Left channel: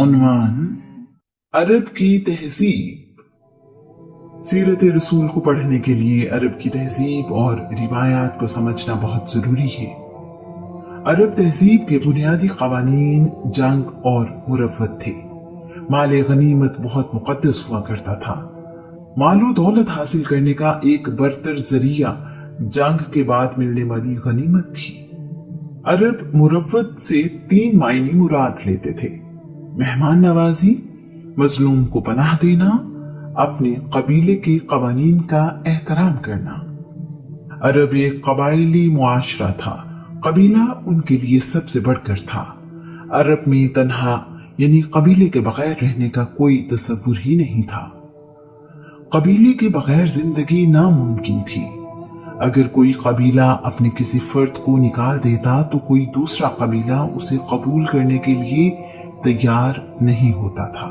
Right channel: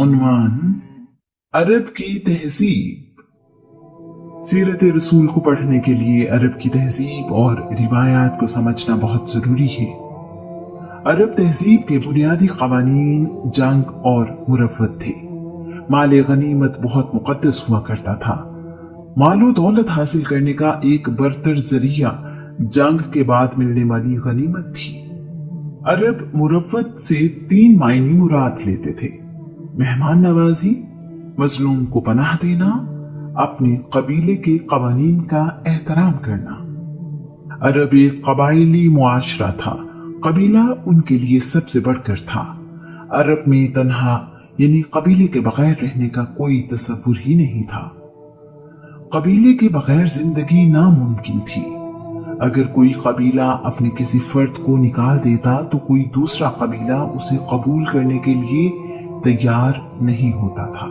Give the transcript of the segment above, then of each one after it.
उन्वान अरब की तहजीब। सीरत रसूल को पढ़ने के लिए अरब की तहजीब और रिवायात को समझना बहुत जरूरी है। अरब तहजीब के बुनियादी कवानीन जंग और मुरव्वत थे। माल गनीमत बहुत मुकद्दस हुआ करता था। मालो दौलत हासिल करने का एक बरतर जरिया जंग के बाद मिलने वाली गनीमत थी। अरब मुरव्वत से 3 मायने मुराद लेते थे: मेहमान नवाजी, मजलूम को पनाह देना, अपने कबीले के कवानीन का एहतराम करना। अरब एक कबायली मुआशरा था। कबीला उनके लिए सबसे बढ़कर था। अरब में तन्हा यानी कबीले के बगैर रहने का कोई तस्वुर ही नहीं था। कबीले के बगैर जिंदगी नामुमकिन थी। अगर कोई कबीला अपने किसी फर्द को निकाल देता तो कोई दूसरा कबीला उसे कबूल करने के लिए तैयार नहीं होता था।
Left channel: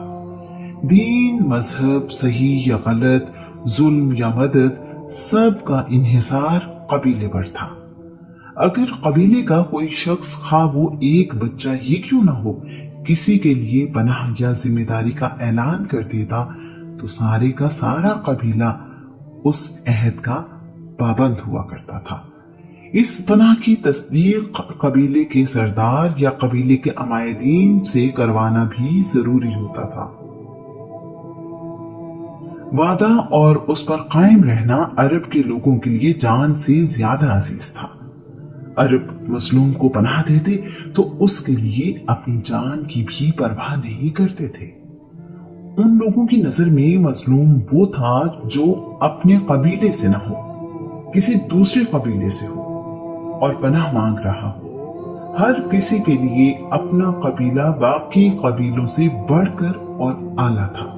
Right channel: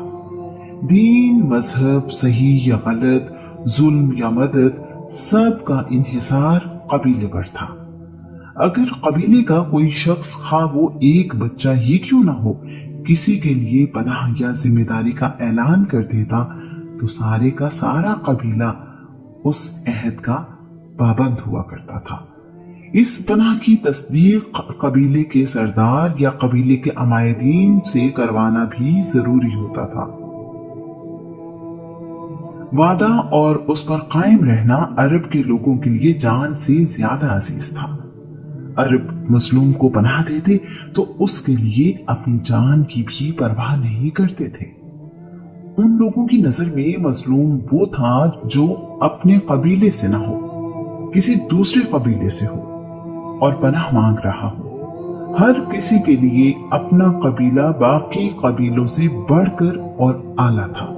दीन, मजहब, सही या गलत, जुल्म या मदद, सब का इन्हिसार कबीले पर था। अगर कबीले का कोई शख्स, खा वो एक बच्चा ही क्यों ना हो, किसी के लिए पनाह या जिम्मेदारी का ऐलान कर देता तो सारे का सारा कबीला उस अहद का पाबंद हुआ करता था। इस पनाह की तस्दीक कबीले के सरदार या कबीले के अमायदीन से करवाना भी जरूरी होता था। वादा और उस पर कायम रहना अरब के लोगों के लिए जान से ज्यादा अजीज था। अरब मजलूम को पनाह देते तो उसके लिए अपनी जान की भी परवाह नहीं करते थे। उन लोगों की नजर में मजलूम वो था जो अपने कबीले से ना हो, किसी दूसरे कबीले से हो और पनाह मांग रहा हो। हर किसी के लिए अपना कबीला बाकी कबीलों से बढ़कर और आला था।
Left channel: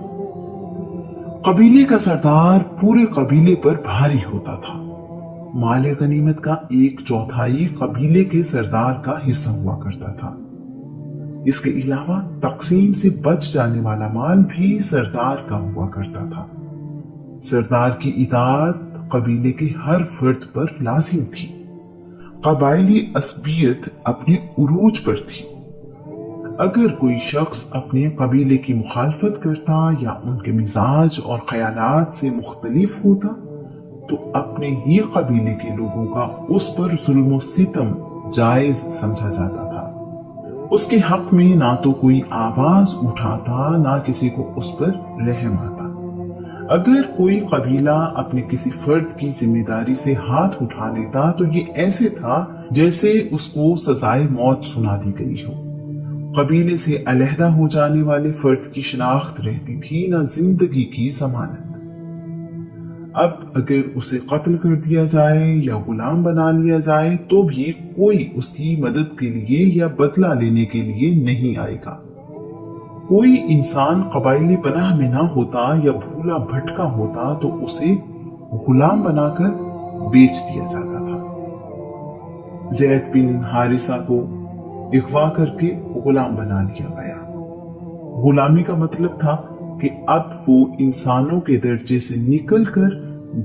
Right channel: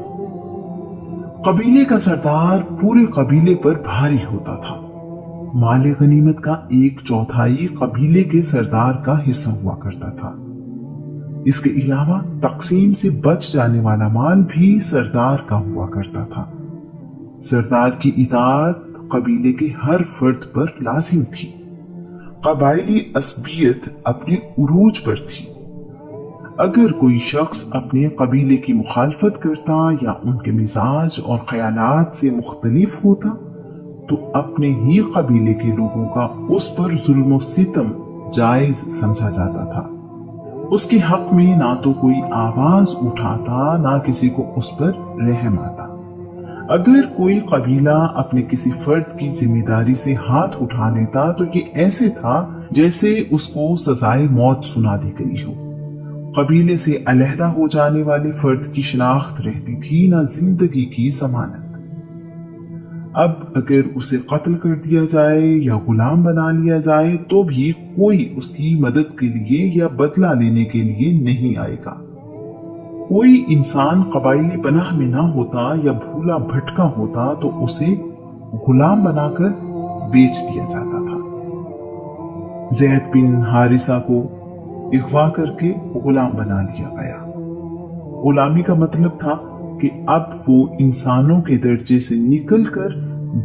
कबीले का सरदार पूरे कबीले पर भारी होता था। माल गनीमत का 1/4 कबीले के सरदार का हिस्सा हुआ करता था। इसके अलावा तकसीम से बच जाने वाला माल भी सरदार का हुआ करता था। सरदार की इताअत कबीले के हर फर्द पर लाजिम थी। कबायली असबियत अपने उरूज पर थी। अगर कोई शख्स अपने कबीले की मुखालफत करता या उनके मिजाज और ख्यालात से मुख्तलिफ होता तो अपने ही कबीले के लोगों का उस पर जुल्म और सितम जायज समझा जाता था। उसके हक में ना तो कोई आवाज उठाता, ना किसी को उस पर रहम आता। अगर कोई कबीला अपने किसी फर्द की जिम्मेदारी से हाथ उठा लेता तो ये ऐसे था जैसे उसको सजाए मौत सुना दी गई हो। कबीले से अलहदा हो जाने वाले फर्द की शिनाख्त रहती थी, न जिंदगी की जमानत। अब अगर उसे कत्ल कर दिया जाए या गुलाम बना लिया जाए तो भी कोई उसकी मदद के लिए या बदला लेने के लिए नहीं आएगा। कोई इंसान कबायली पनाह में ना होता या भूला भटका होता तो उसे गुलाम बनाकर बेच दिया जाता था। ज़ैद बिन हारिसा को अगवा करके गुलाम बना लिया गया। गुलामी का मतलब था कि अब वो इंसानों के दर्जे से निकलकर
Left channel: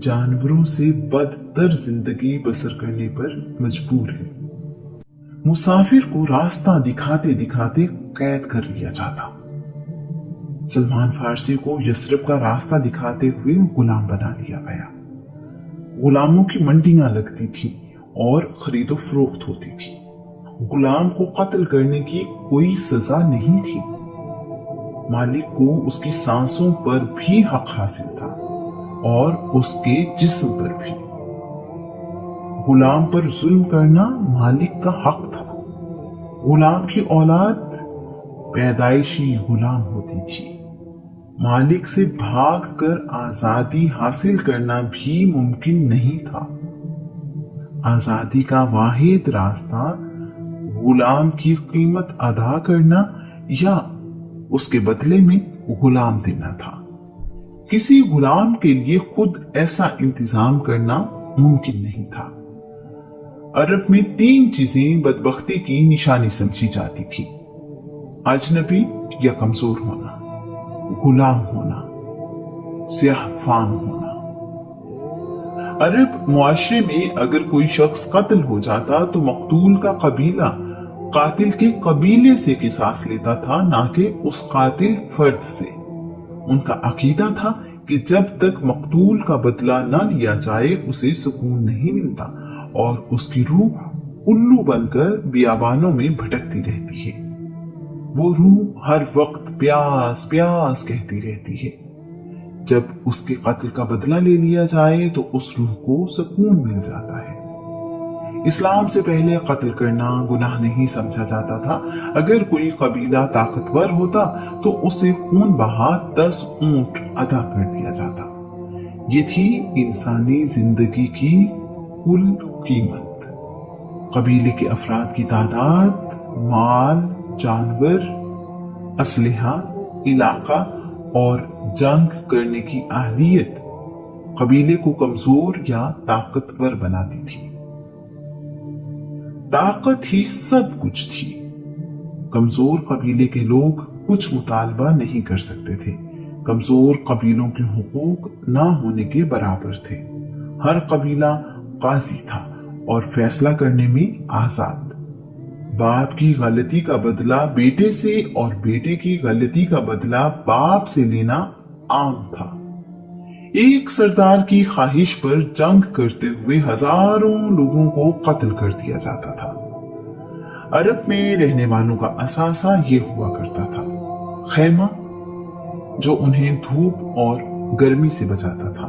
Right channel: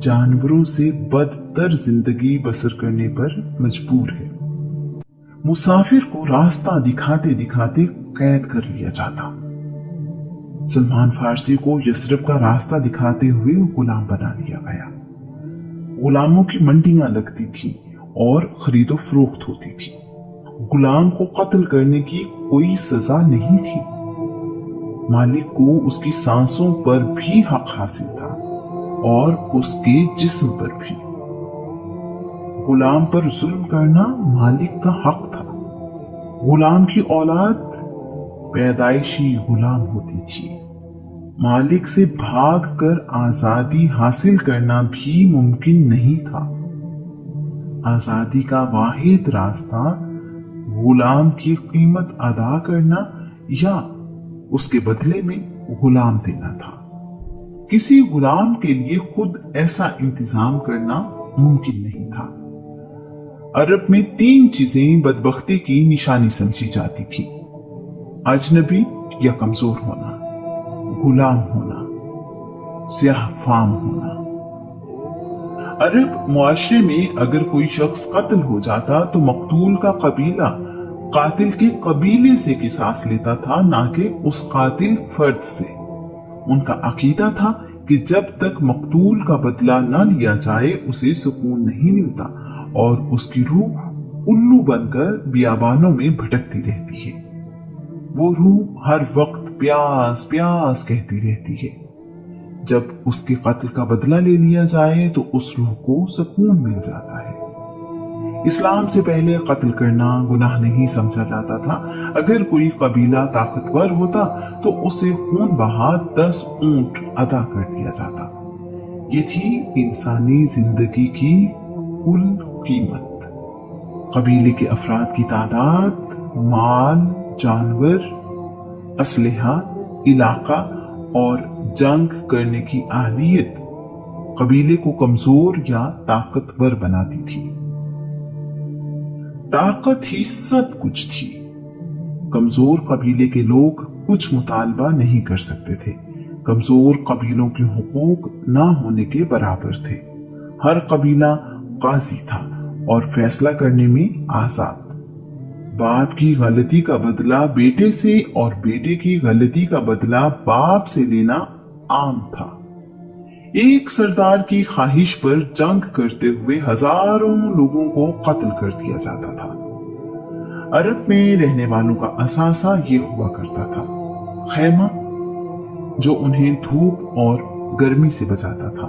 जानवरों से बदतर जिंदगी बसर करने पर मजबूर है। मुसाफिर को रास्ता दिखाते दिखाते कैद कर लिया जाता। सलमान फारसी को यसरब का रास्ता दिखाते हुए गुलाम बना लिया गया। गुलामों की मंडियां लगती थी और खरीदो फरोख्त होती थी। गुलाम को कत्ल करने की कोई सजा नहीं थी। मालिक को उसकी सांसों पर भी हक हासिल था और उसके जिस्म पर भी। गुलाम पर जुल्म करना मालिक का हक था। गुलाम की औलाद पैदाइशी गुलाम होती थी। मालिक से भागकर आजादी हासिल करना भी मुमकिन नहीं था। आजादी का वाहिद रास्ता गुलाम की कीमत अदा करना या उसके बदले में गुलाम देना था। किसी गुलाम के लिए खुद ऐसा इंतजाम करना मुमकिन नहीं था। अरब में 3 चीजें बदबख्ती की निशानी समझी जाती थी: अजनबी या कमजोर होना, गुलाम होना, स्याह फाम होना। अरब मुआशरे में अगर कोई शख्स कत्ल हो जाता तो मकतूल का कबीला قاتل کے قبیلے سے قصاص لیتا تھا، نہ کہ اس قاتل فرد سے۔ ان کا عقیدہ تھا کہ جب تک مقتول کا بدلہ نہ لیا جائے اسے سکون نہیں ملتا اور اس کی روح الو بن کر بیابانوں میں بھٹکتی رہتی ہے۔ وہ روح ہر وقت پیاس پیاس کہتی رہتی ہے۔ جب اس کے قتل کا بدلہ لے لیا جائے تو اس روح کو سکون مل جاتا ہے۔ اسلام سے پہلے قتل کرنا گناہ نہیں سمجھا جاتا تھا۔ اگر کوئی قبیلہ طاقتور ہوتا تو اسے خون بہا 10 اونٹ عطا کر دیا جاتا۔ یہ تھی انسانی زندگی کی کل قیمت۔ قبیلے کے افراد کی تعداد، مال، جانور، اسلحہ، علاقہ اور جنگ کرنے کی اہلیت قبیلے کو کمزور یا طاقتور بناتی تھی۔ طاقت ہی سب کچھ تھی۔ کمزور قبیلے کے لوگ کچھ مطالبہ نہیں کر سکتے تھے۔ کمزور قبیلوں کے حقوق نہ ہونے کے برابر تھے۔ ہر قبیلہ قاضی تھا اور فیصلہ کرنے میں آزاد۔ باپ کی غلطی کا بدلہ بیٹے سے اور بیٹے کی غلطی کا بدلہ باپ سے لینا عام تھا۔ ایک سردار کی خواہش پر جنگ کرتے ہوئے ہزاروں لوگوں کو قتل کر دیا جاتا تھا۔ عرب میں رہنے والوں کا اثاثہ یہ ہوا کرتا تھا: خیمہ، جو انہیں دھوپ اور گرمی سے بچاتا تھا،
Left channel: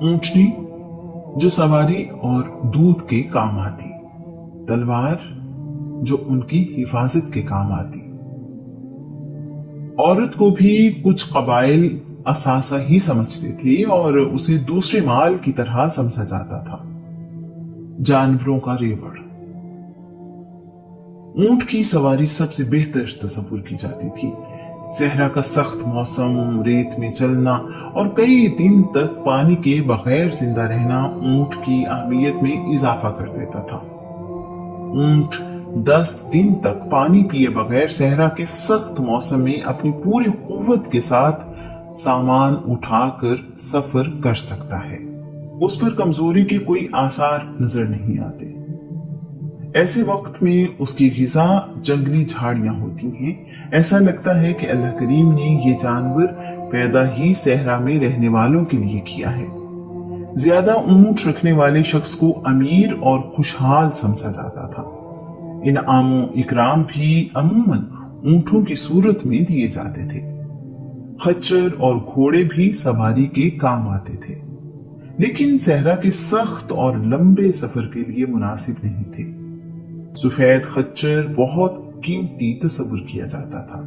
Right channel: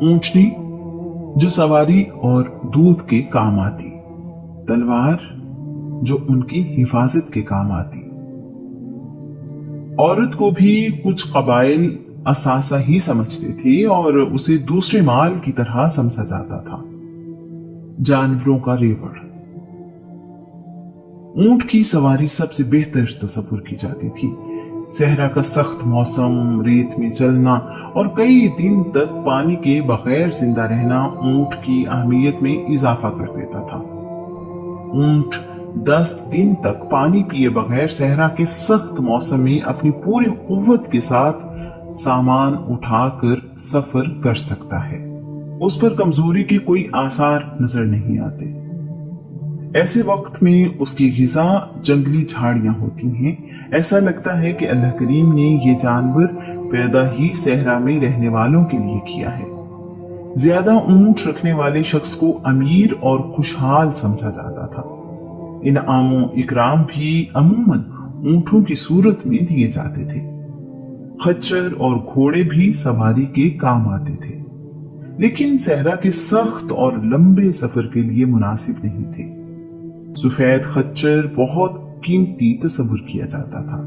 اونٹنی، جو سواری اور دودھ کے کام آتی، تلوار، جو ان کی حفاظت کے کام آتی۔ عورت کو بھی کچھ قبائل اثاثہ ہی سمجھتے تھے اور اسے دوسرے مال کی طرح سمجھا جاتا تھا۔ جانوروں کا ریوڑ، اونٹ کی سواری سب سے بہتر تصور کی جاتی تھی۔ صحرا کا سخت موسم، ریت میں چلنا اور کئی دن تک پانی کے بغیر زندہ رہنا اونٹ کی اہمیت میں اضافہ کر دیتا تھا۔ اونٹ 10 دن تک پانی پیے بغیر صحرا کے سخت موسم میں اپنی پوری قوت کے ساتھ سامان اٹھا کر سفر کر سکتا ہے۔ اس پر کمزوری کے کوئی آثار نظر نہیں آتے۔ ایسے وقت میں اس کی غذا جنگلی جھاڑیاں ہوتی ہیں۔ ایسا لگتا ہے کہ اللہ کریم نے یہ جانور پیدا ہی صحرا میں رہنے والوں کے لیے کیا ہے۔ زیادہ اونٹ رکھنے والے شخص کو امیر اور خوشحال سمجھا جاتا تھا۔ انعام و اکرام بھی عموماً اونٹوں کی صورت میں دیے جاتے تھے۔ خچر اور گھوڑے بھی سواری کے کام آتے تھے، لیکن صحرا کے سخت اور لمبے سفر کے لیے مناسب نہیں تھے۔ سفید خچر بہت قیمتی تصور کیا جاتا تھا۔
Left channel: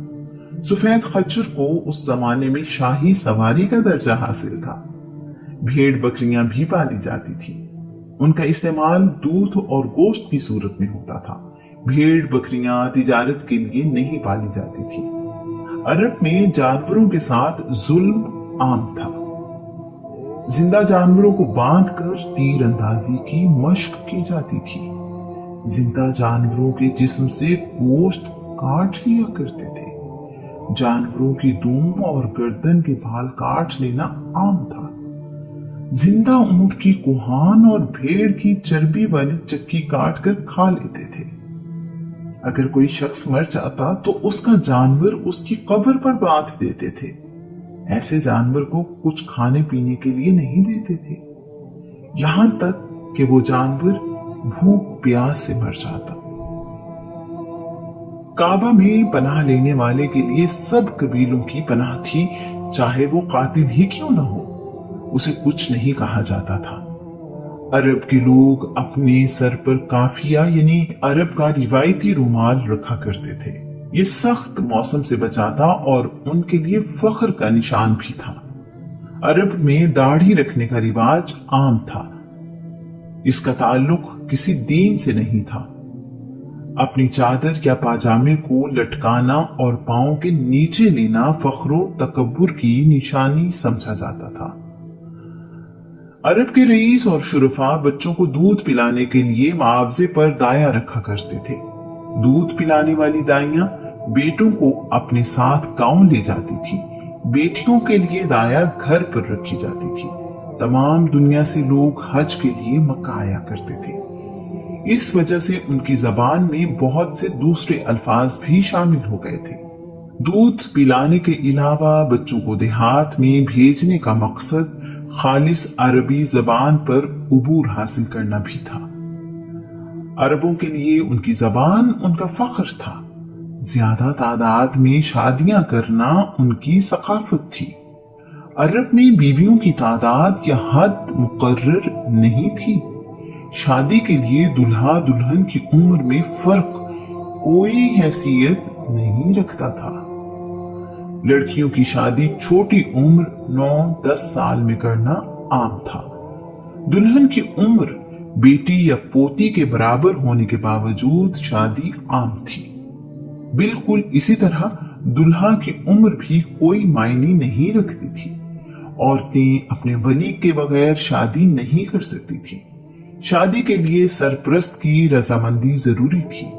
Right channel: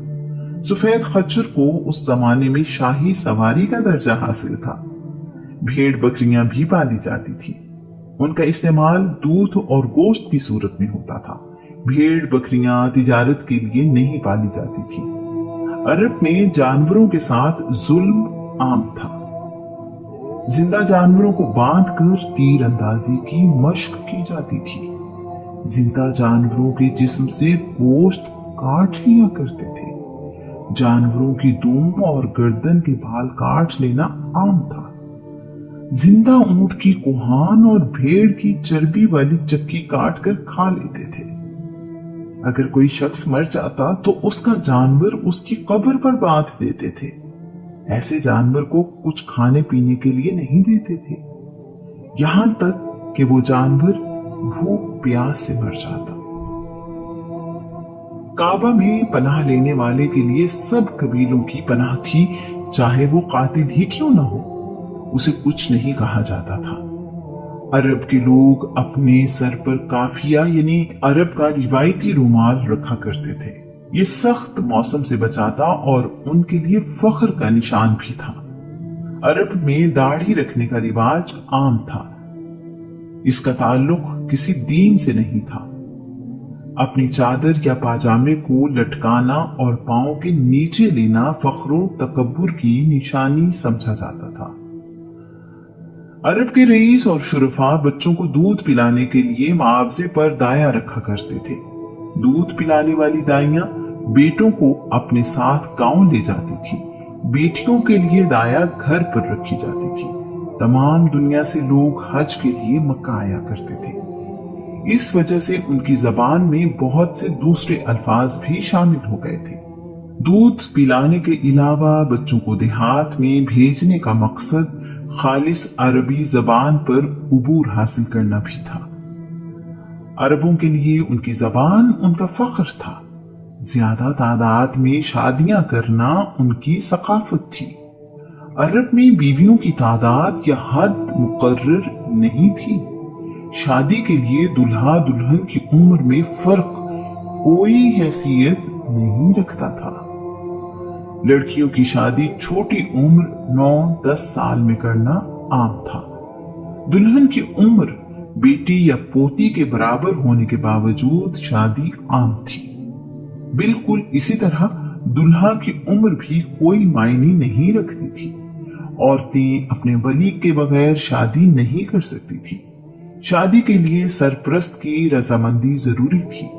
سفید خچر کو اس زمانے میں شاہی سواری کا درجہ حاصل تھا۔ بھیڑ بکریاں بھی پالی جاتی تھی۔ ان کا استعمال دودھ اور گوشت کی صورت میں ہوتا تھا۔ بھیڑ بکریاں تجارت کے لیے نہیں پالی جاتی تھی۔ عرب میں جانوروں کے ساتھ ظلم عام تھا۔ زندہ جانوروں کو باندھ کر تیر اندازی کی مشق کی جاتی تھی۔ زندہ جانوروں کے جسم سے گوشت کاٹ لیا کرتے تھے۔ جانوروں کی دم اور گردن کے بال کاٹ لینا عام تھا۔ زندہ اونٹ کی کوہان اور بھیڑ کی چربی والی چکی کاٹ کر کھا لیتے تھے۔ اگر کوئی شخص مر جاتا تو اس کا جانور اس کی قبر پر باندھ دیتے تھے۔ ایسے جانور کو کچھ کھانے پینے کے لیے نہیں دیتے تھے، یہاں تک کہ وہ جانور بھوک پیاس سے مر جاتا۔ کعبہ میں پناہ لینے والے کے لیے سب قبیلوں کی پناہ تھی، چاہے وہ قاتل ہی کیوں نہ ہو، اسے کچھ نہیں کہا جاتا تھا۔ عرب کے لوگ اپنے سر پر کافیہ یعنی عرب کا روایتی رومال رکھا کرتے تھے۔ یہ سخت موسم سے بچاتا اور ان کے لیے فخر کا نشان بھی تھا۔ عرب میں داڑھی رکھنے کا رواج عام تھا۔ اس کا تعلق کسی دین سے نہیں تھا۔ اپنی چادر یا پاجامے کو لٹکانا اور پاؤں کے نیچے لینا فخر و تکبر کی نشانی سمجھا جاتا تھا۔ عرب کے رئیس اور شرفا بچوں کو دودھ پلانے کے لیے معاوضے پر دایا رکھا کرتے تھے۔ دودھ پلانے والی دائیاں بیٹوں کو اپنے ساتھ گاؤں لے جاتی تھی۔ بیٹیوں کے لیے دایا گھر پر رکھی جاتی تھی۔ تمام دنیا سے لوگ حج کے لیے مکہ آیا کرتے تھے۔ इस वजह से उनकी जबान में बहुत से दूसरे अल्फाज भी शामिल हो गए थे। दूध पिलाने के अलावा बच्चों को देहात में भेजने का मकसद खालिस अरबी जबान पर उबूर हासिल करना भी था। अरबों के लिए उनकी जबान उनका फख्र था। ज्यादा तादाद में शादियां करना उनकी सकाफत थी। अरब में बीवियों की तादाद या हद मुकर्रर नहीं थी। शादी के लिए दुल्हा दुल्हन की उम्र में फर्क कोई हैसियत नहीं रखता था। लड़कियों की शादी छोटी उम्र 9-10 साल में करना आम था। दुल्हन की उम्र बेटी या पोती के बराबर होने के बावजूद शादी आम थी। बिल्कुल इसी तरह दुल्हा की उम्र भी कोई मायने नहीं रखती थी। औरतें अपने वली के बगैर शादी नहीं कर सकती थी। शादी के लिए सरपरस्त की रजामंदी जरूरी थी।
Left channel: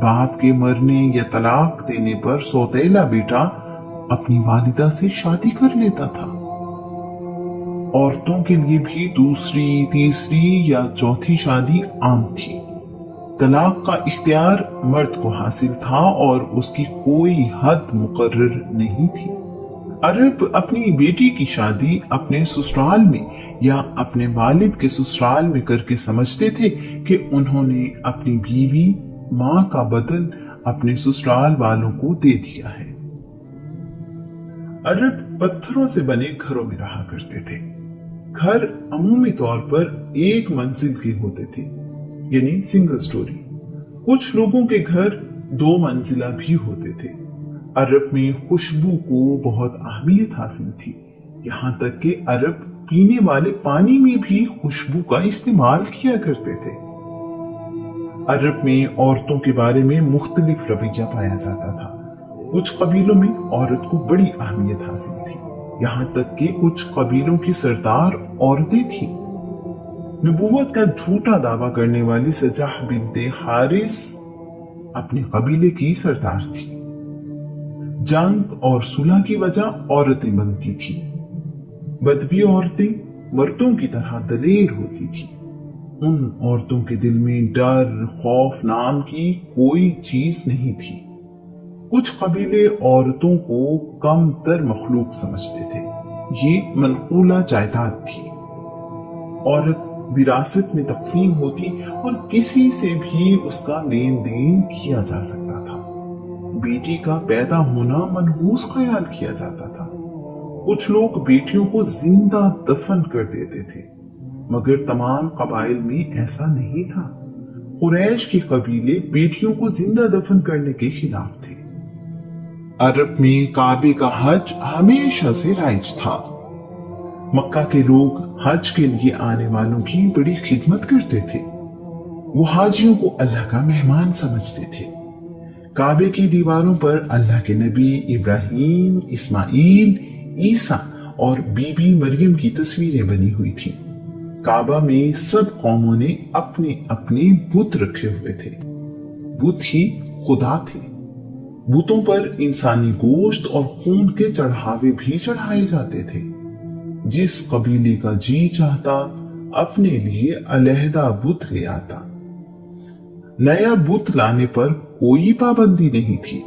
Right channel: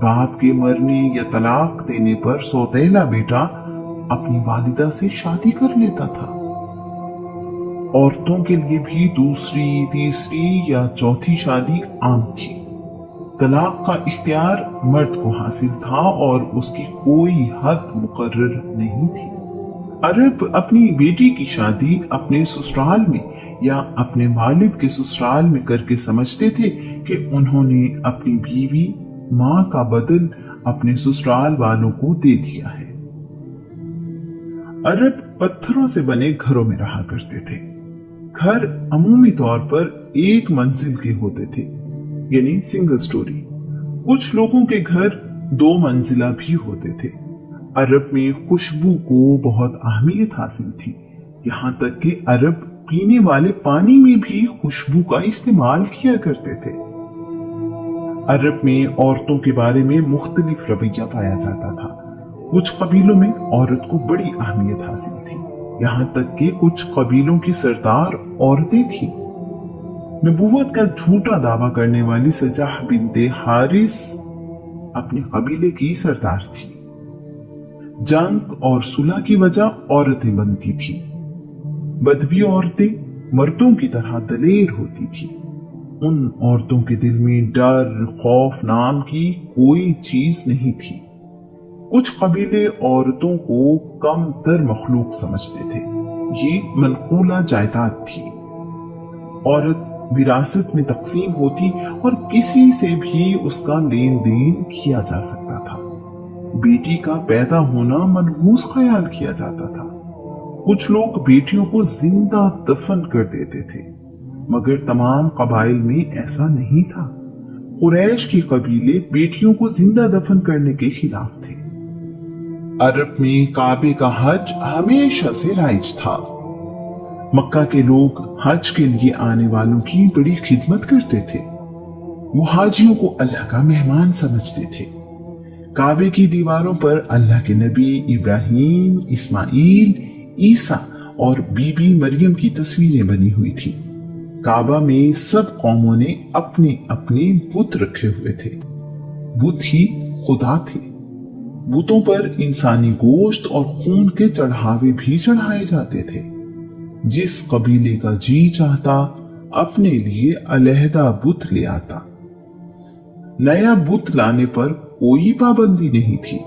बाप के मरने या तलाक देने पर सौतेला बेटा अपनी वालिदा से शादी कर लेता था। औरतों के लिए भी दूसरी, तीसरी या चौथी शादी आम थी। तलाक का इख्तियार मर्द को हासिल था और उसकी कोई हद मुकर्रर नहीं थी। अरब अपनी बेटी की शादी अपने ससुराल में या अपने वालिद के ससुराल में करके समझते थे कि उन्होंने अपनी बीवी मां का बदल अपने ससुराल वालों को दे दिया है। अरब पत्थरों से बने घरों में रहा करते थे। घर अमूमी तौर पर एक मंजिल के होते थे, यानी सिंगल स्टोरी। कुछ लोगों के घर 2 मंजिला भी होते थे। अरब में खुशबू को बहुत अहमियत हासिल थी। यहाँ तक कि अरब पीने वाले पानी में भी खुशबू का इस्तेमाल किया करते थे। अरब में औरतों के बारे में मुख्तलिफ रवैया पाया जाता था। कुछ कबीलों में औरत को बड़ी अहमियत हासिल थी। यहाँ तक कि कुछ कबीलों की सरदार औरतें थीं। नबूवत का झूठा दावा करने वाली सजाह बिनते हारिस अपने कबीले की सरदार थी। जंग और सुलह की वजह औरतें बनती थी। बदवी औरतें मर्दों की तरह दलेर होती थी। उन औरतों के दिल में डर, खौफ नाम की कोई चीज नहीं थी। कुछ कबीले औरतों को कम तर मखलूक समझते थे। ये मनकूला जायदाद थी। औरत विरासत में तकसीम होती और किसी से भी उसका लेन देन किया जा सकता था। बेटी का पैदा होना मनहूस ख्याल किया जाता था। कुछ लोग बेटियों को जिंदा दफन कर देते थे, मगर तमाम कबाइल में ऐसा नहीं था। कुरैश के कबीले बेटियों को जिंदा दफन करने के खिलाफ थे। अरब में काबे का हज हमेशा से राइज था। मक्का के लोग हज के लिए आने वालों की बड़ी खिदमत करते थे। वो हाजियों को अल्लाह का मेहमान समझते थे। काबे की दीवारों पर अल्लाह के नबी इब्राहिम, इस्माइल, ईसा और बीबी मरियम की तस्वीरें बनी हुई थी। काबा में सब कौमों ने अपने अपने बुत रखे हुए थे। बुत ही खुदा थे। बुतों पर इंसानी गोश्त और खून के चढ़ावे भी चढ़ाए जाते थे। जिस कबीले का जी चाहता अपने लिए अलहदा बुत ले आता। नया बुत लाने पर कोई पाबंदी नहीं थी।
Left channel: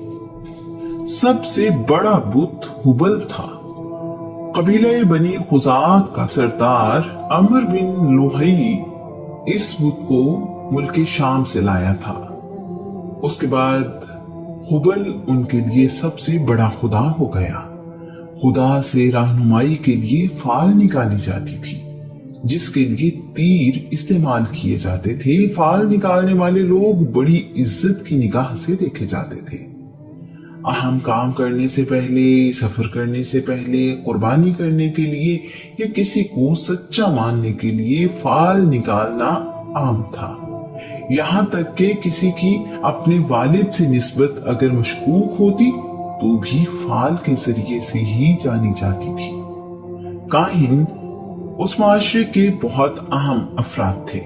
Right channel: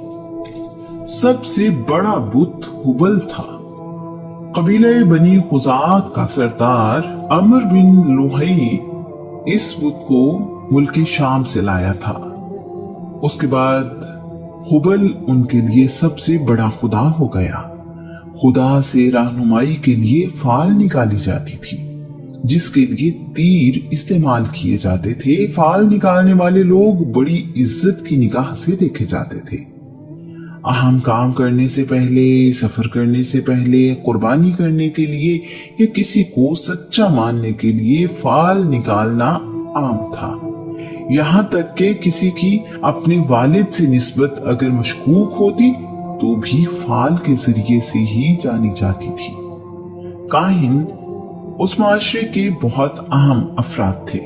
सबसे बड़ा बुत हुबल था। कबीले बनी खुजाक का सरदार अमर बिन लुहई इस बुत को मुल्क शाम से लाया था। उसके बाद हुबल उनके लिए सबसे बड़ा खुदा हो गया। खुदा से रहनुमाई के लिए फाल निकाली जाती थी, जिसके लिए तीर इस्तेमाल किए जाते थे। फाल निकालने वाले लोग बड़ी इज्जत की निगाह से देखे जाते थे। अहम काम करने से पहले, सफर करने से पहले, कुर्बानी करने के लिए या किसी को सच्चा मानने के लिए फाल निकालना आम था। यहाँ तक कि किसी की अपने वालिद से निस्बत अगर मशकूक होती तो भी फाल के जरिए से ही जानी जाती थी। काहिन उस माशरे के बहुत अहम अफराद थे।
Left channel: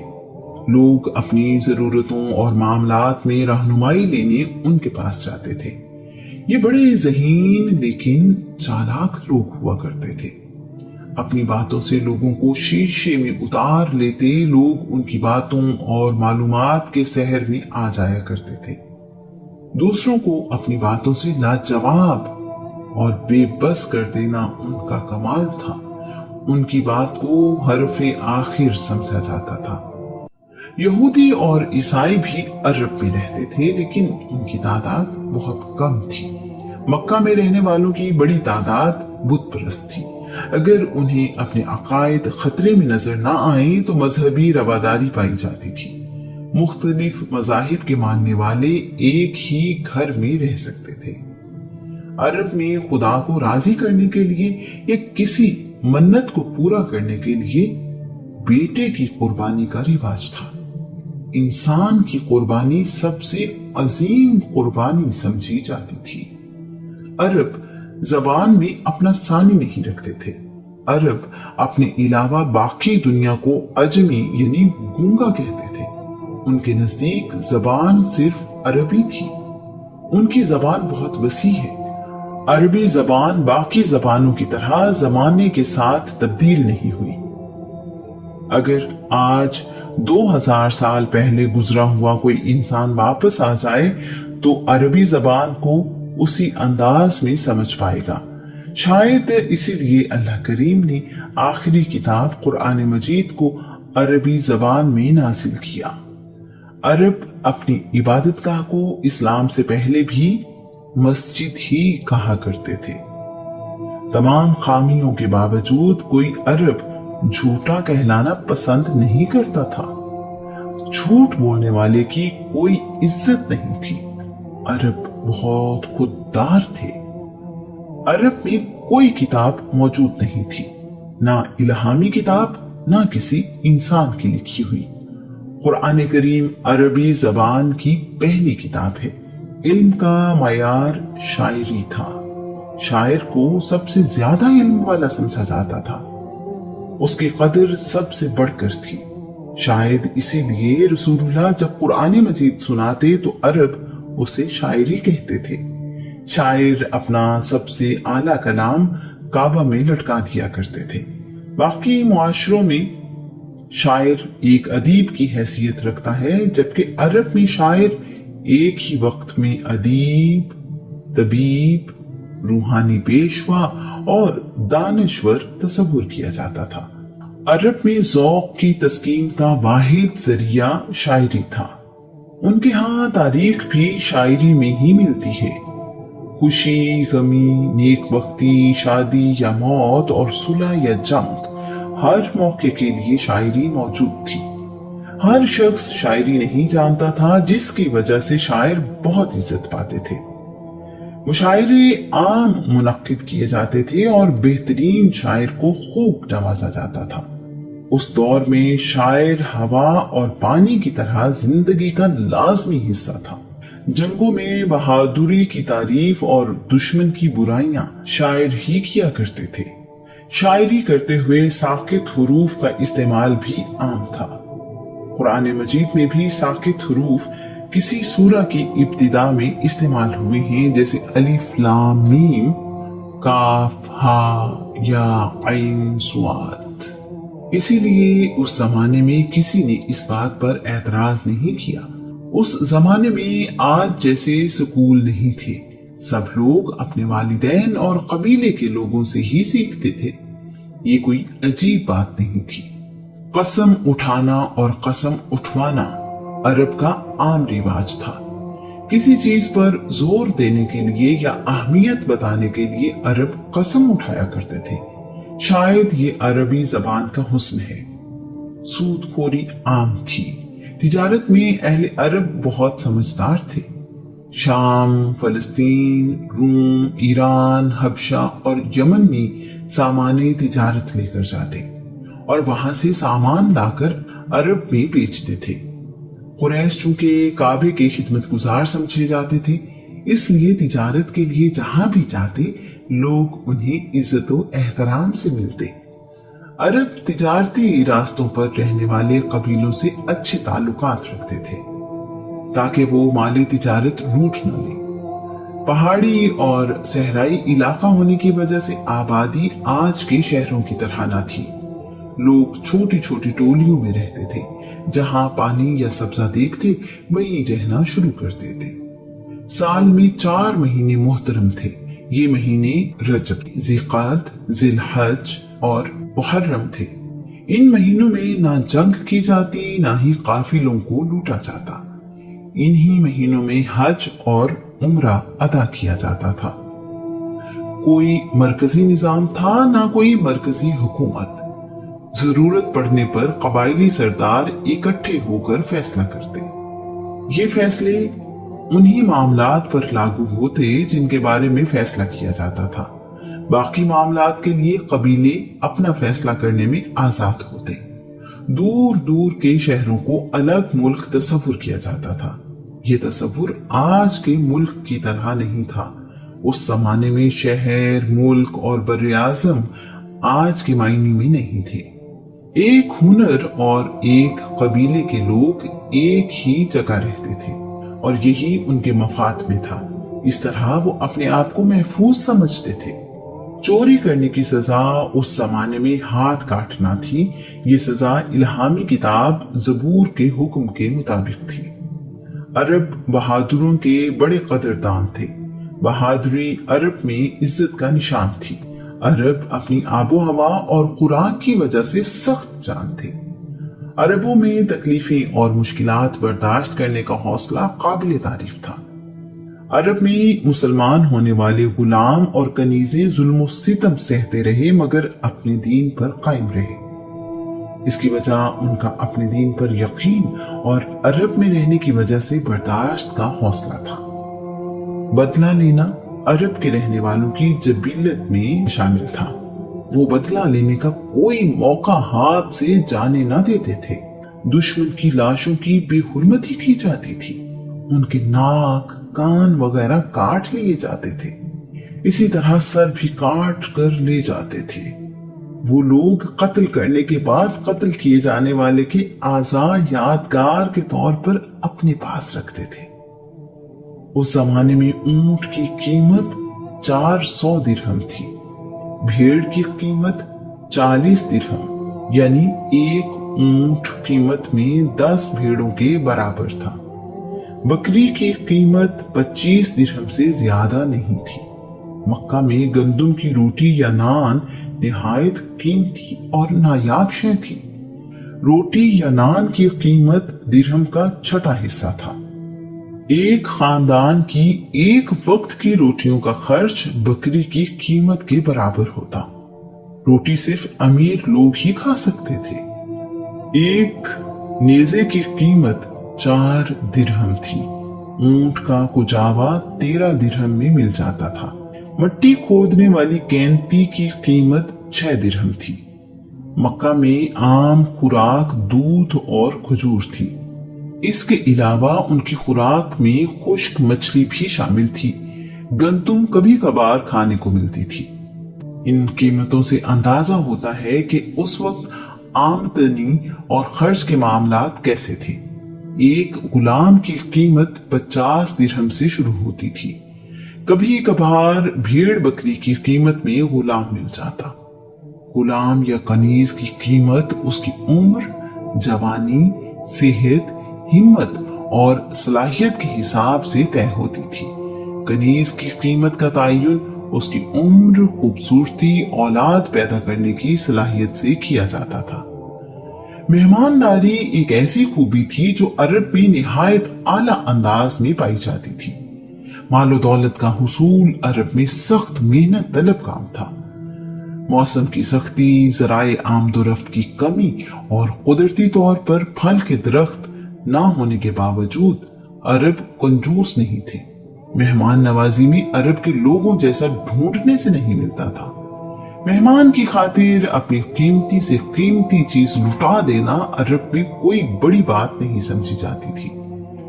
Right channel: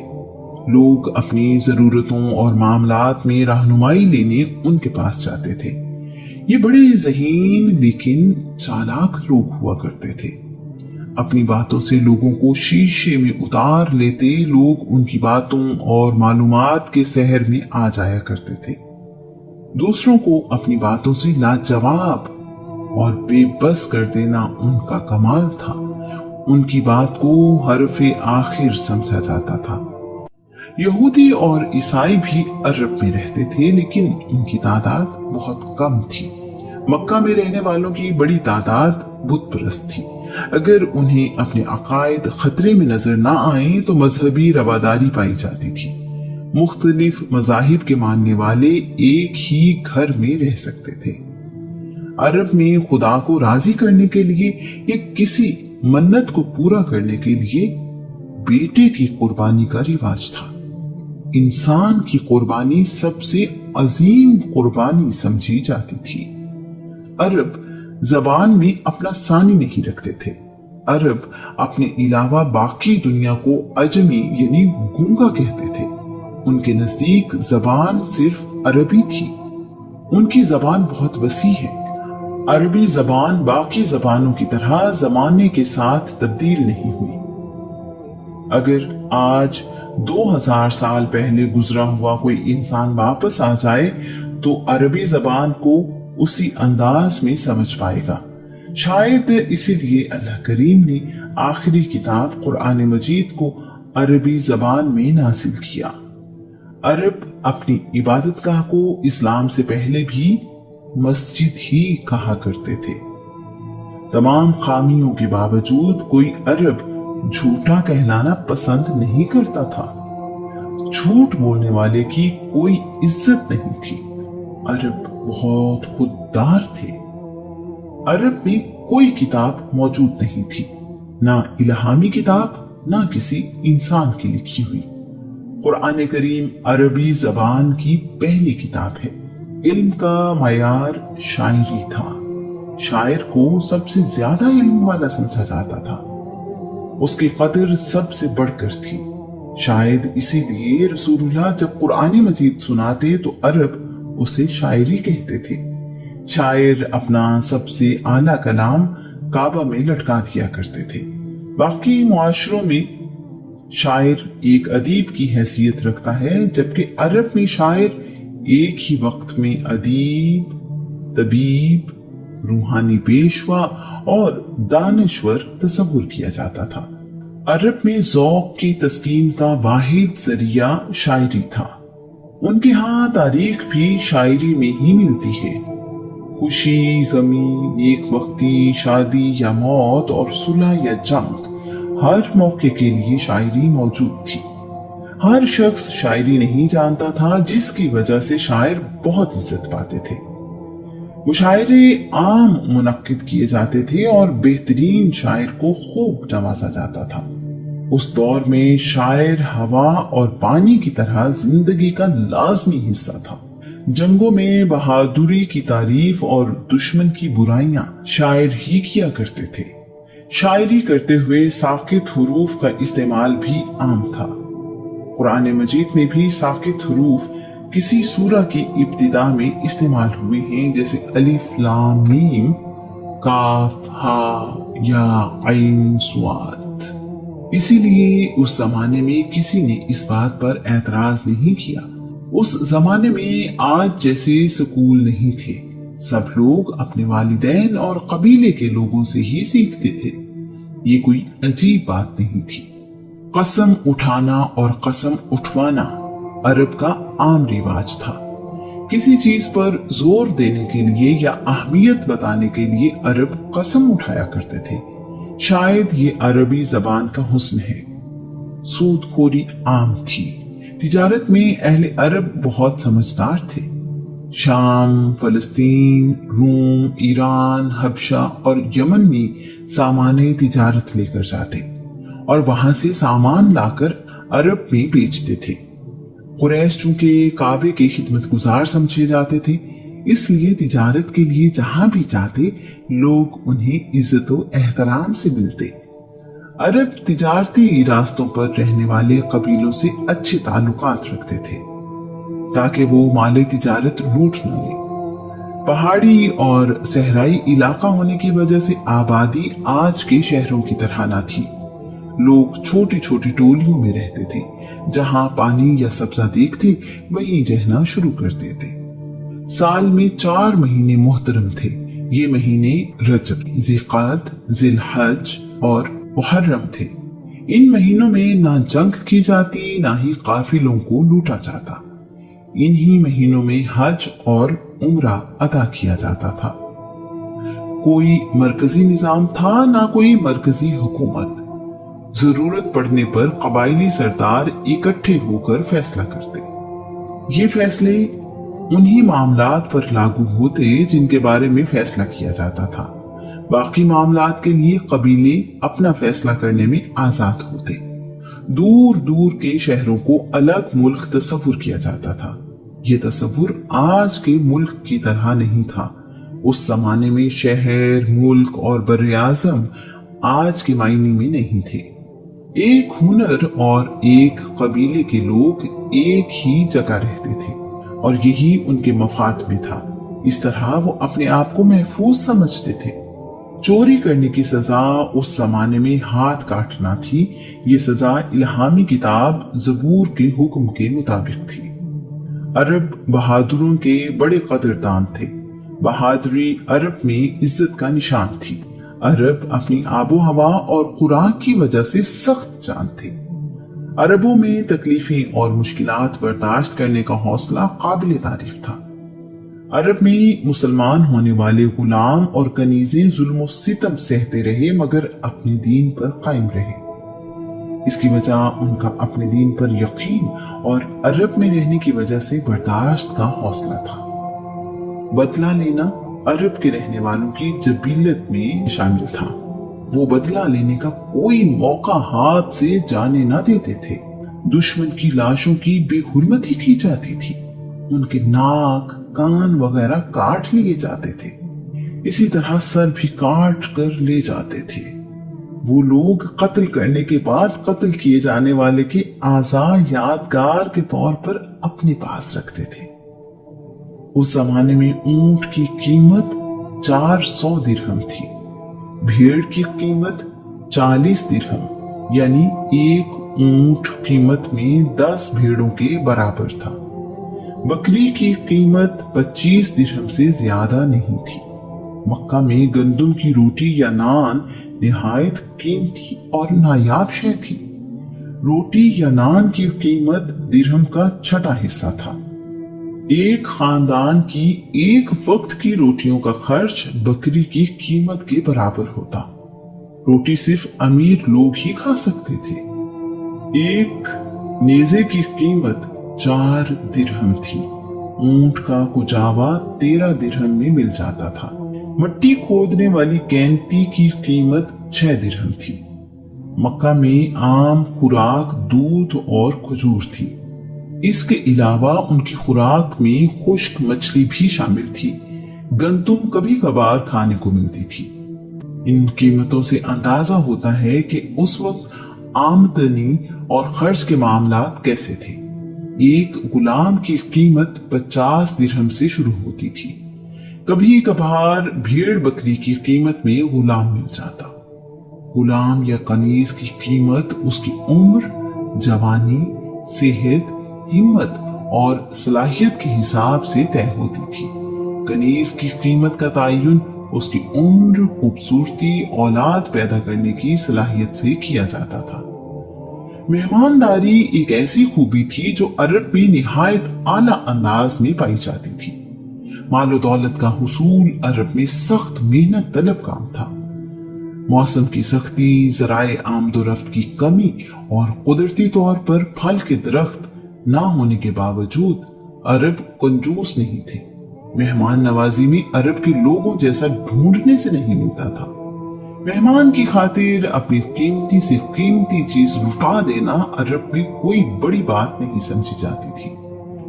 लोग अपनी जरूरतों और मामलात में रहनुमाई लेने उनके पास जाते थे। ये बड़े ज़हीन लेकिन चालाक लोग हुआ करते थे। अपनी बातों से लोगों को शीशे में उतार लेते, लोग उनकी बातों और मालूमात के सहर में आ जाया करते थे। दूसरों को अपनी बातों से लाजवाब और बेबस कर देना उनका कमाल था। उनकी बात को हरफे आखिर समझा जाता था। यहूदी और ईसाई भी अरब में रहते थे, लेकिन उनकी तादाद बहुत कम थी। मक्का में रहने वालों की बड़ी तादाद बुत परस्त थी। अगर उन्हें अपने अकायद खतरे में नजर ना आए तो मजहबी रवादारी पाई जाती थी। मुख्तलिफ मजाहिब के मानने वाले एक ही घर में रह सकते थे। अरब में खुदा को राजी करने के लिए या किसी मन्नत को पूरा करने के लिए बेटे की कुर्बानी का रिवाज था। इंसान की कुर्बानी सबसे अजीम कुर्बानी समझी जाती थी। अरब जबान में अपना सानी नहीं रखते थे। अरब अपने अलावा बाकी दुनिया को अजमी यानी गूंगा कहते थे। उनके नजदीक जबान सिर्फ अरबी थी। उनकी जबान बहुत वसी है। अरबी जबान बाकी जबानों की तरह जमाने के साथ तब्दील नहीं हुई। अगर आज 2000 साल पहले गुजरा हुआ कोई इंसान वापस आ जाए तो अरबी जबान को उसी अंदाज में समझ पाएगा। शायद इसीलिए अल्लाह करीम ने आखिरी किताब कुरान मजीद को अरबी जबान में नाजिल किया। अरब अपनी इबादतगाह को इस्लाम से पहले भी मस्जिद ही कहा करते थे। तमाम खामियों के बावजूद कोई अरब झूठा कहलाना पसंद नहीं करता था। झूठ बोलने वाले की कोई इज्जत नहीं थी। अरब बहुत खुददार थे। अरब में कोई किताब मौजूद नहीं थी, ना इल्हामी किताब ना किसी इंसान की लिखी हुई। कुरान करीम अरबी जबान की पहली किताब है। इल्म का मायार शायरी था। शायर को सबसे ज्यादा इल्म वाला समझा जाता था। उसकी कदर सबसे बढ़कर थी। शायद इसीलिए रसूलुल्लाह जब कुरान मजीद सुनाते तो अरब उसे शायरी कहते थे। शायर अपना सबसे आला कलाम काबा में लटका दिया करते थे। बाकी मुआशरों में शायर एक अदीब की हैसियत रखता है, जबकि अरब में शायर एक ही वक्त में अदीब, तबीब, रूहानी पेशवा और दानश्वर तस्वुर किया जाता था। अरब में ज़ौक़ की तस्कीन का वाहिद जरिया शायरी था। उनके यहाँ तारीख भी शायरी में ही मिलती है। खुशी, गमी, नेक वक्ती, शादी या मौत और सुलह या जंग, हर मौके के लिए शायरी मौजूद थी। हर शख्स शायरी नहीं जानता था, जिसकी वजह से शायर बहुत इज्जत पाते थे। मुशायरे आम मुनक्किद किए जाते थे और बेहतरीन शायर को खूब नवाजा जाता था। उस दौर में शायर हवा और पानी की तरह जिंदगी का लाजमी हिस्सा था। जंगों में बहादुरी की तारीफ और दुश्मन की बुराइयां शायर ही किया करते थे। शायरी करते हुए साकित हुरूफ का इस्तेमाल भी आम था। कुरान मजीद में भी साकित हुरूफ किसी सूरा की इब्तिदा में इस्तेमाल हुए हैं, जैसे अलिफ लाम मीम, काफ हा या ऐन स्वाद। इसीलिए उस जमाने में किसी ने इस बात पर एतराज नहीं किया। उस जमाने में आज जैसे स्कूल नहीं थे। सब लोग अपने वालिदैन और कबीले के लोगों से ही सीखते थे। ये कोई अजीब बात नहीं थी। कसम उठाना और कसम उठवाना अरब का आम रिवाज था। किसी चीज पर जोर देने के लिए या अहमियत बताने के लिए अरब कसम उठाया करते थे। शायद ये अरबी जबान का हुस्न है। सूदखोरी आम थी। तिजारत में अहले अरब बहुत समझदार थे। शाम, फलस्तीन, रोम, ईरान, हबशा और यमन में सामाने तिजारत लेकर जाते और वहां से सामान लाकर अरब में बेचते थे। कुरैश चूंकि काबे के खिदमतगुजार समझे जाते थे, इसलिए तिजारत के लिए जहां भी जाते लोग उन्हें इज्जत और एहतराम से मिलते। अरब तिजारती रास्तों पर रहने वाले कबीलों से अच्छे ताल्लुकात रखते थे ताकि वो माले तिजारत लूट न ले। पहाड़ी और सहराई इलाका होने की वजह से आबादी आज के शहरों की तरह ना थी। लोग छोटी छोटी टोलियों में रहते थे, जहां पानी या सब्जा देखते वहीं रहना शुरू करते थे। साल में 4 महीने मोहतरम थे। ये महीने रजब, ज़िक़ात, ज़िलहज और मुहर्रम थे। इन महीनों में ना जंग की जाती, ना ही काफिलों को लूटा जाता। इन्हीं महीनों में हज और उम्रा अदा किया जाता था। कोई मरकजी निजाम था, ना कोई मरकजी हुकूमत। जरूरत पड़ने पर कबायली सरदार इकट्ठे होकर फैसला करते। ये फैसले उन्हीं मामलात पर लागू होते जिनके बारे में फैसला किया जाता था। बाकी मामलात के लिए कबीले अपना फैसला करने में आजाद होते। दूर दूर के शहरों को अलग मुल्क तस्वुर किया जाता था। ये तस्वुर आज के मुल्क की तरह नहीं था। उस जमाने में शहर, मुल्क और बर्र-ए-आज़म आज के मायने में नहीं थे। एक हुनर और एक कबीले के लोग एक ही जगह रहते थे और यही उनके मफाद में था। इस तरह वो अपने आप को महफूज समझते थे। चोरी करने की सजा उस जमाने में हाथ काटना थी। ये सजा इल्हामी किताब ज़बूर के हुक्म के मुताबिक थी। अरब बहादुरों के बड़े कदरदान थे। बहादुरी अरब में इज्जत का निशान थी। अरब अपनी आबो हवा और खुराक की वजह से सख्त जान थे। अरबों में तकलीफें और मुश्किलात बर्दाश्त करने का हौसला काबिल तारीफ था। अरब में मुसलमान होने वाले गुलाम और कनीज़े जुल्म सितम सहते रहे, मगर अपने दीन पर कायम रहे। इसकी वजह उनका अपने दीन पर यकीन और अरब में रहने की वजह से बर्दाश्त का हौसला था। बदला लेना अरब के रहने वालों की जबीलत में शामिल था। वो बदला लेने का कोई मौका हाथ से जाने न देते थे। दुश्मन की लाशों की बेहुरमती की जाती थी। उनके नाक, कान वगैरह काट लिए जाते थे। इसी तरह सर भी काट कर ले जाते थे। वो लोग कत्ल करने के बाद कत्ल किए जाने वाले के आज़ाद यादगार के तौर पर अपने पास रखते थे। उस जमाने में ऊंट की कीमत 400 दिरहम थी। भेड़ की कीमत 40 दिरहम, यानी एक ऊंट कीमत में 10 भेड़ों के बराबर था। बकरी की कीमत 25 दिरहम से ज्यादा नहीं थी। मक्का में गंदम की रोटी या नान निहायत कीमती और नायाब शय थी। रोटी या नान की कीमत दिरहम का 6वां हिस्सा था। एक खानदान की एक वक्त की रोटियों का खर्च बकरी की कीमत के बराबर होता। रोटी सिर्फ अमीर लोग ही खा सकते थे। एक नेज़े की कीमत 4 दिरहम थी। ऊंट का कुजावा 13 दिरहम में मिल जाता था। मट्टी खोदने वाली कैंती की कीमत 6 दिरहम थी। मक्का में आम खुराक दूध और खजूर थी। इसके अलावा उनकी खुराक में खुश्क मछली भी शामिल थी। गंदुम कभी कभार खाने को मिलती थी। इन कीमतों से अंदाजा होता है कि उस वक्त आमदनी और खर्च के मामलात कैसे थे। एक गुलाम की कीमत 50 दिरहम से शुरू होती थी। कभी कभार भेड़ बकरी की कीमत में गुलाम मिल जाता। गुलाम या कनीज की कीमत उसकी उम्र, जवानी, सेहत, हिम्मत और सलाहियत के हिसाब से तय होती थी। कनीज की कीमत का तयन उसकी उम्र, खूबसूरती, औलाद पैदा करने की सलाहियत से किया जाता था। मेहमानदारी एक ऐसी खूबी थी जो अरब में निहायत आला अंदाज में पाई जाती थी। मालो दौलत का हुसूल अरब में सख्त मेहनत तलब काम था। मौसम की सख्ती, ज़राए आमदोरफ्त की कमी और कुदरती तौर पर फल के दरख्त ना होने के बावजूद अरब कंजूस नहीं थे। मेहमान नवाजी में अरब के लोगों जैसा ढूंढने से नहीं मिलता था। मेहमान की खातिर अपनी कीमती से कीमती चीज लुटा देना अरब में कोई बड़ी बात नहीं समझी जाती थी।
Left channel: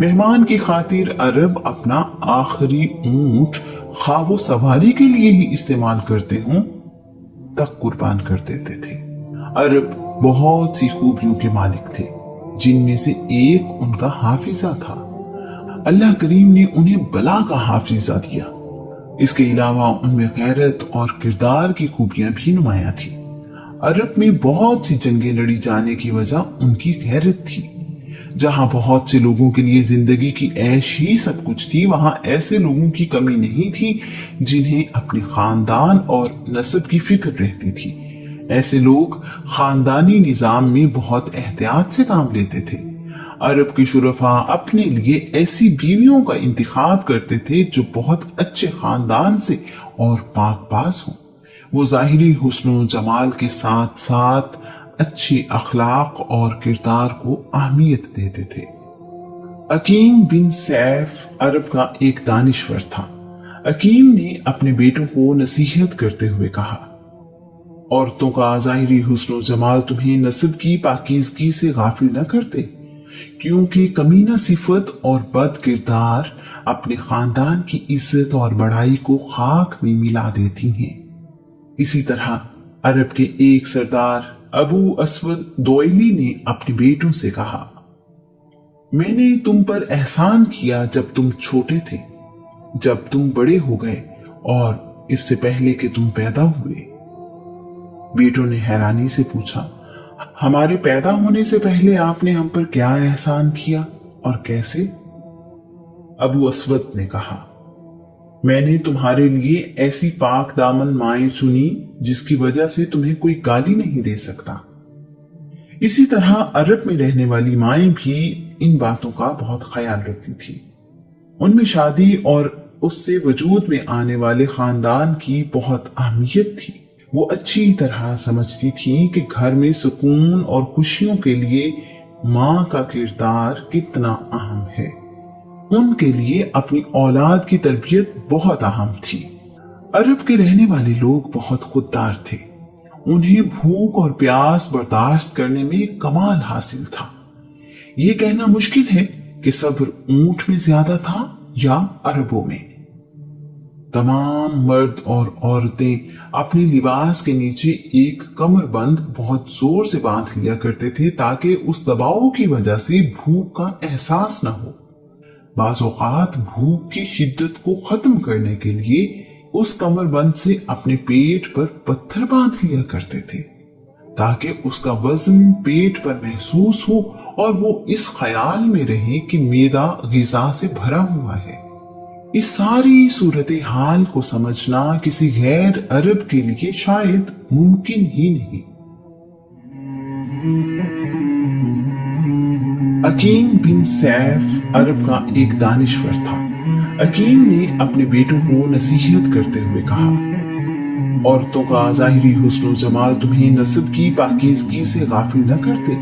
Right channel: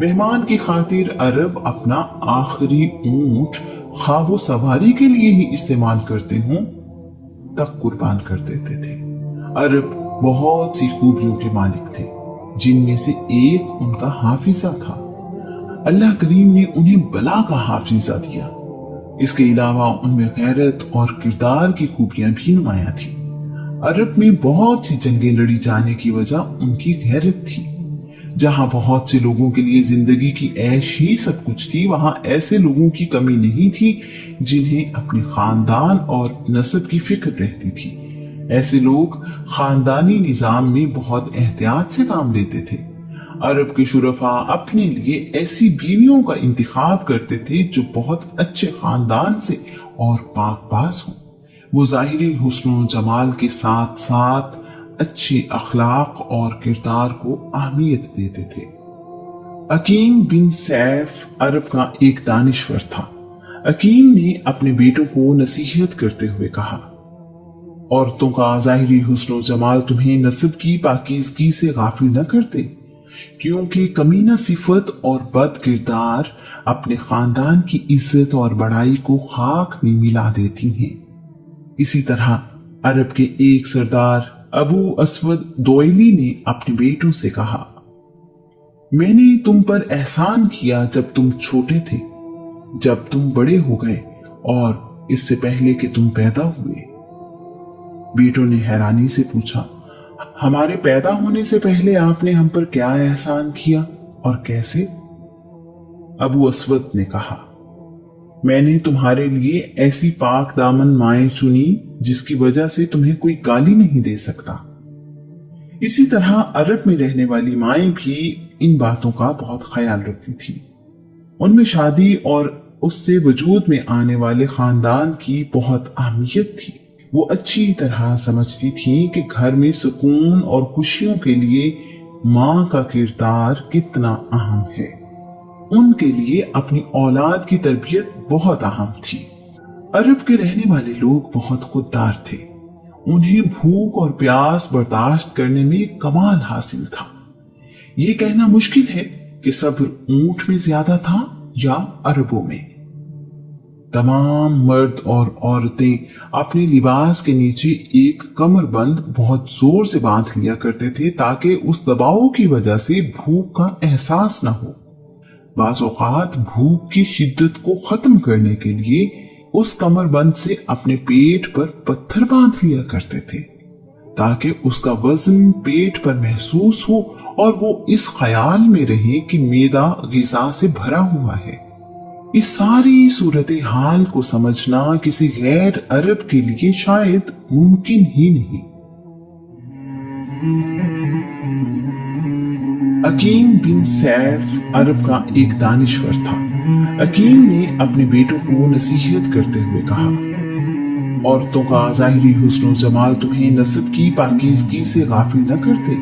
मेहमान की खातिर अरब अपना आखिरी ऊंट खावो सवारी के लिए ही इस्तेमाल करते हों तक कुर्बान कर देते थे। अरब बहुत सी खूबियों के मालिक थे, जिनमें से एक उनका हाफिजा था। अल्लाह करीम ने उन्हें बला का हाफिजा दिया। इसके अलावा उनमें गैरत और किरदार की खूबियां भी नुमाया थी। अरब में बहुत सी जंगें लड़ी जाने की वजह उनकी गैरत थी। जहां बहुत से लोगों के लिए जिंदगी की ऐश ही सब कुछ थी, वहां ऐसे लोगों की कमी नहीं थी जिन्हें अपने खानदान और नस्ब की फिक्र रहती थी। ऐसे लोग खानदानी निजाम में बहुत एहतियात से काम लेते थे। अरब के शुरफा अपने लिए ऐसी बीवियों का इंतखाब करते थे जो बहुत अच्छे खानदान से और पाक-बाज हों। वो ज़ाहिरी हुस्न जमाल के साथ साथ अच्छी अखलाक और किरदार को अहमियत देते थे। अकीम बिन सैफ अरब का एक दानिश्वर था। अकीम ने अपने बेटों को नसीहत करते हुए कहा, औरतों का ज़ाहिरी हुस्न जमाल तुम्हें नस्ब की पाकीज़गी से गाफिल न करते, क्योंकि कमीना सिफत और बद किरदार अपने खानदान की इज्जत और बड़ाई को खाक में मिला देती हैं। इसी तरह अरब के एक सरदार अबू अस्वद दोयली ने अपने बेटों से कहा, मैंने तुम पर एहसान किया जब तुम छोटे थे, जब तुम बड़े हो गए और इससे पहले कि तुम पैदा हुए। बेटों ने हैरानी से पूछा, हमारे पैदा होने से पहले आपने हम पर क्या एहसान किया और कैसे? अबू अस्वद ने कहा, मैंने तुम्हारे लिए ऐसी पाक दामन माएं चुनी जिसकी वजह से तुम्हें कोई गाली नहीं दे सकता। इसी तरह अरब में रहने वाली माएं भी इन बातों का बहुत ख्याल रखती थी। उनमें शादी और उससे वजूद में आने वाले खानदान की बहुत अहमियत थी। वो अच्छी तरह समझती थी कि घर में सुकून और खुशियों के लिए माँ का किरदार कितना अहम है। उनके लिए अपनी औलाद की तरबियत बहुत अहम थी। अरब के रहने वाले लोग बहुत खुददार थे। उन्हें भूख और प्यास बर्दाश्त करने में कमाल हासिल था। ये कहना मुश्किल है कि सब्र ऊंट में ज्यादा था या अरबों में। तमाम मर्द और औरतें अपने लिबास के नीचे एक कमरबंद बहुत जोर से बांध लिया करते थे ताकि उस दबाव की वजह से भूख का एहसास न हो। बाज़ औक़ात भूख की शिद्दत को खत्म करने के लिए उस कमरबंद से अपने पेट पर पत्थर बांध लिया करते थे ताकि उसका वजन पेट पर महसूस हो और वो इस ख्याल में रहे कि मैदा ग़िज़ा से भरा हुआ है। इस सारी सूरत हाल को समझना किसी गैर अरब के लिए शायद मुमकिन ही नहीं। अकीम बिन सैफ अरब का एक दानिश्वर था। अकीम ने अपने बेटों को नसीहत करते हुए कहा, औरतों का ज़ाहिरी हुस्न जमाल तुम्हें नस्ब की पाकीज़गी से गाफिल न करते,